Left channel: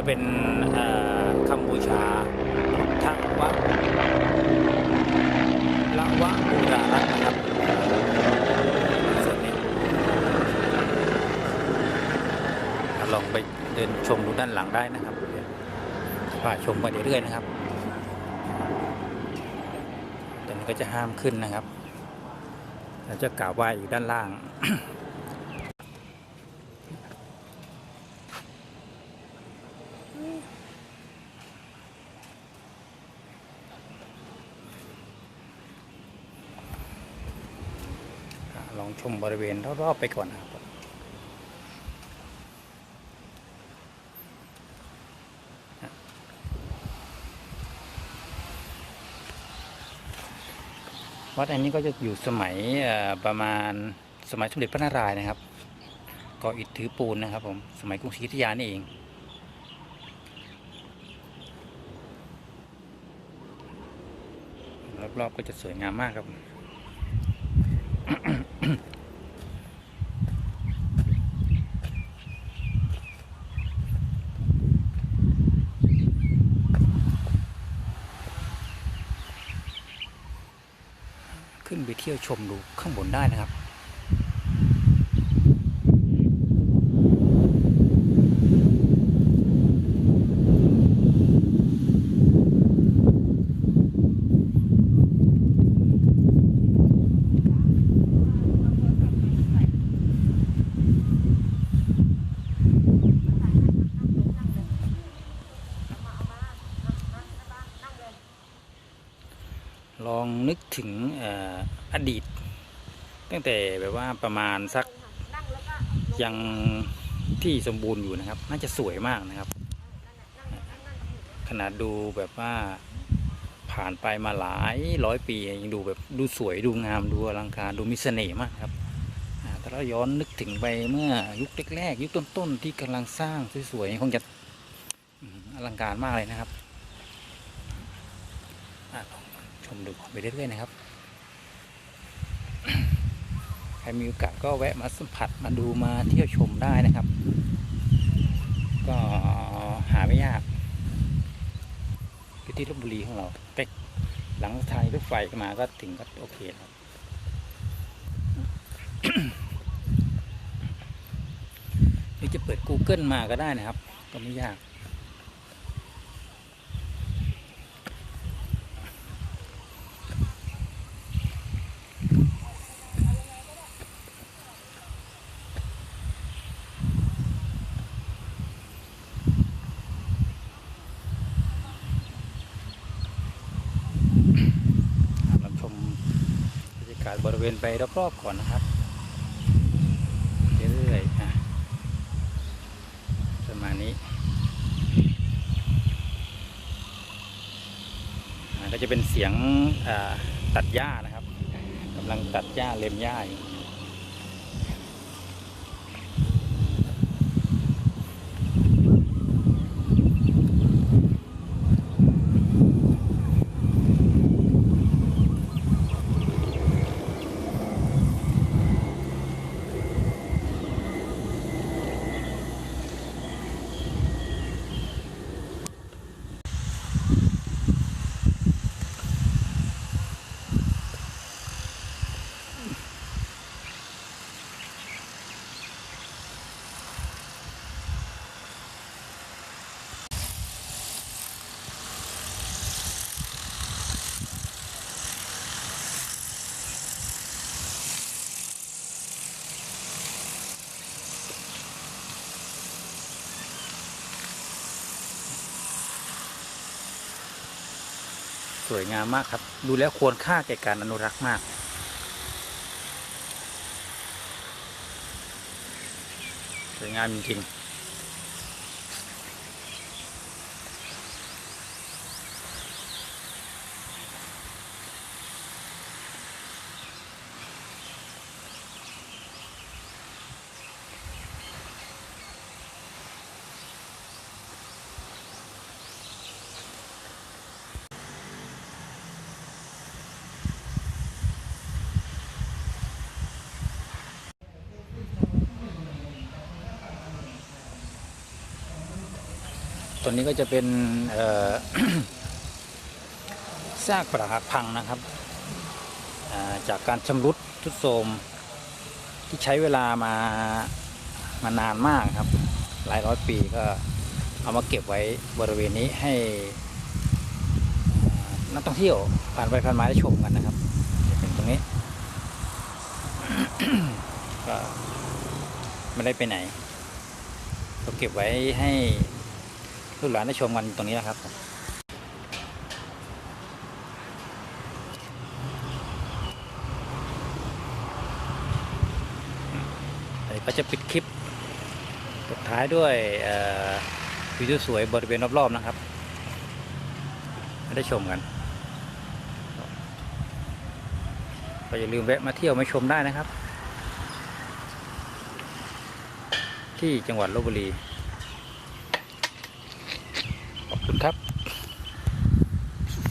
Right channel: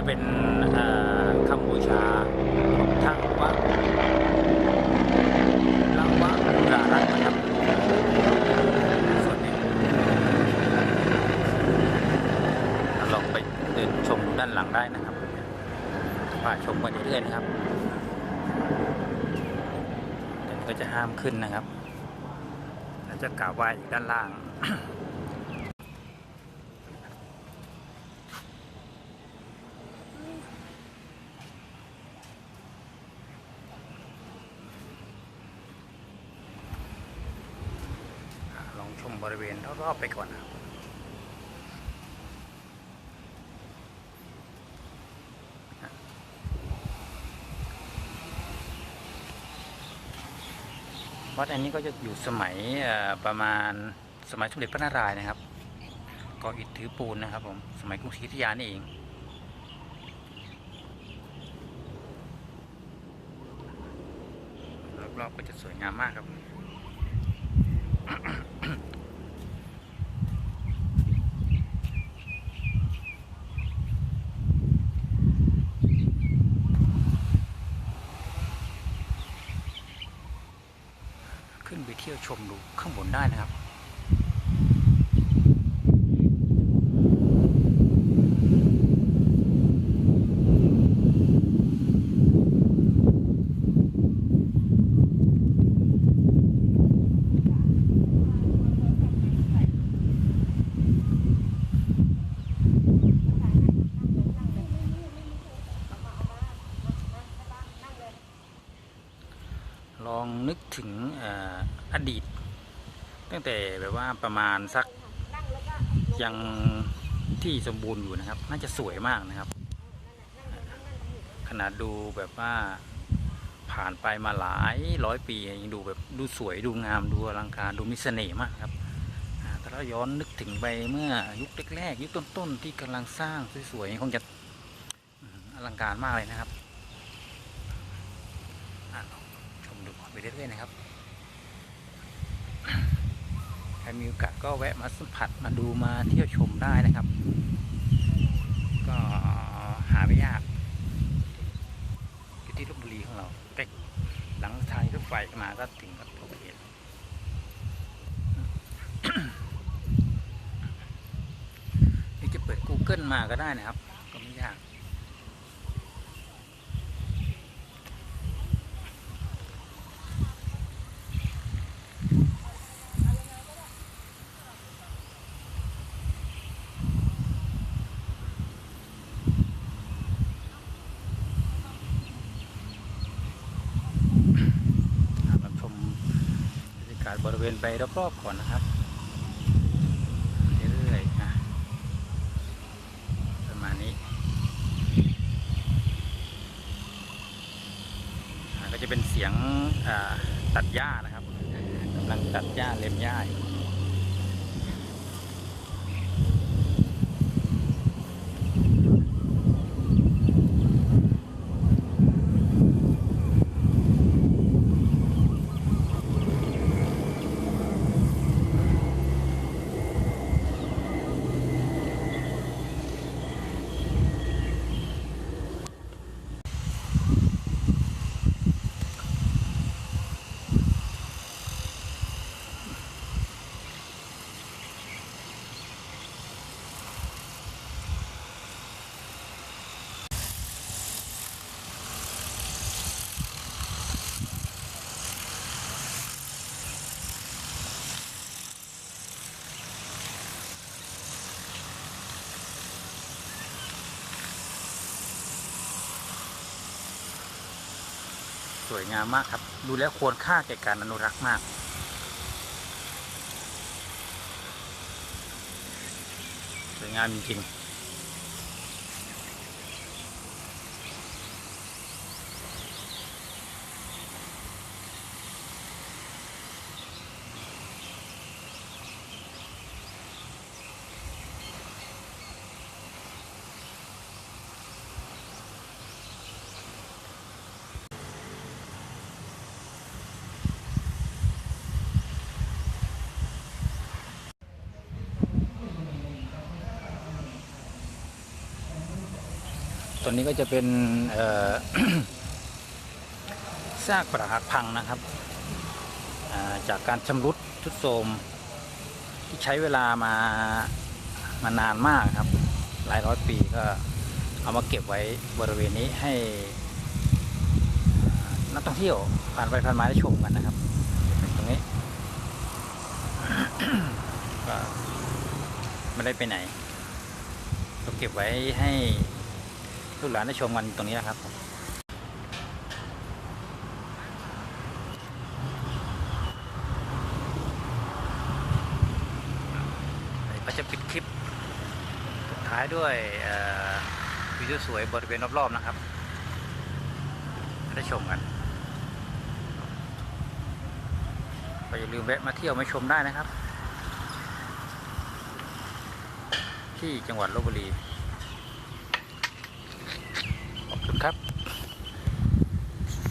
จะเป็นคำบูชาของทางวัดละวะบูรารัตนะครับส่วนนี้ลองไปเดินชมดูด้านหลังได้นะครับพาชมไปเรื่อยๆนะครับตอนนี้ก็จะห้ามขึ้นนะครับเราจะกราบไหว้อยู่ด้านล่าง ชมบริเวณรอบๆไปก่อนนะครับวัดอันนี้ก็จะอยู่สมัยประมาณสมัยสมเด็จพระนารายณ์นะครับก่ออิฐถือปูนนะครับผมสมัยกรุงศรีอยุธยานี่เอง รอบๆก็จะสวยงามมากครับ ขึ้นไปเที่ยวชมดูข้างบนได้นะครับ ลองนึกถึงออดีต ตั้งแต่แบบว่าประมาณสักยังที่สมบูรณ์อยู่นะครับ น่าจะสวยมากนะครับ ขนาดดูแบบว่าผ่านไปมาหลายร้อยปียังดูแบบดูสวยดูงามดูอลังการดูมีเสน่ห์มากครับถ้าเราย้อนนึกถึงไปเมื่อยุคแรกๆยุคต้นๆที่กำลังสร้างสวยๆคงจะอลังการมากเลยนะครับอะ ชมดูไปเรื่อยๆนะครับใครมีโอกาสก็แวะมาสัมผัสมาดูมาเที่ยวชมได้นะครับ ก็หาไม่ยากอยู่ที่ลบบุรีของเราแต่หลังทางรถไฟมาก็ถึงก็โอเคครับหรือจะเปิด Google มาก็ได้นะครับ ก็ไม่ยาก เราชมบรรยาศบริเวณไปรอบๆก่อนนะครับเรื่อยๆนะประมาณนี้ก็จะเป็นเสียงตัดหญ้านะครับกำลังตัดหญ้าเล็มหญ้าอยู่ สวยงามมากครับ ดูแล้วควรค่าแก่การอนุรักษ์มากสวยงามจริงๆ ตัวนี้ก็จะเป็นซากปรักหักพังนะครับจากการชำรุดทุดโทรมที่ใช้เวลามามานานมากครับ หลายร้อยปีก็เอามาเก็บไว้บริเวณนี้ให้นักท่องเที่ยวผ่านไปผ่านมาได้ชมกันนะครับเป็นตรงนี้ก็ไม่ได้ไปไหน ก็เก็บไว้ให้ ลูกหลานได้ชมกันตรงนี้นะครับผมเดี๋ยวก็จะปิดคลิปสุดท้ายด้วยวิวสวยบริเวณรอบๆนะครับ ได้ชมกันก็อย่าลืมแวะมาเที่ยวมาชมได้นะครับ ที่จังหวัดลบบุรี ขอบ คุณครับ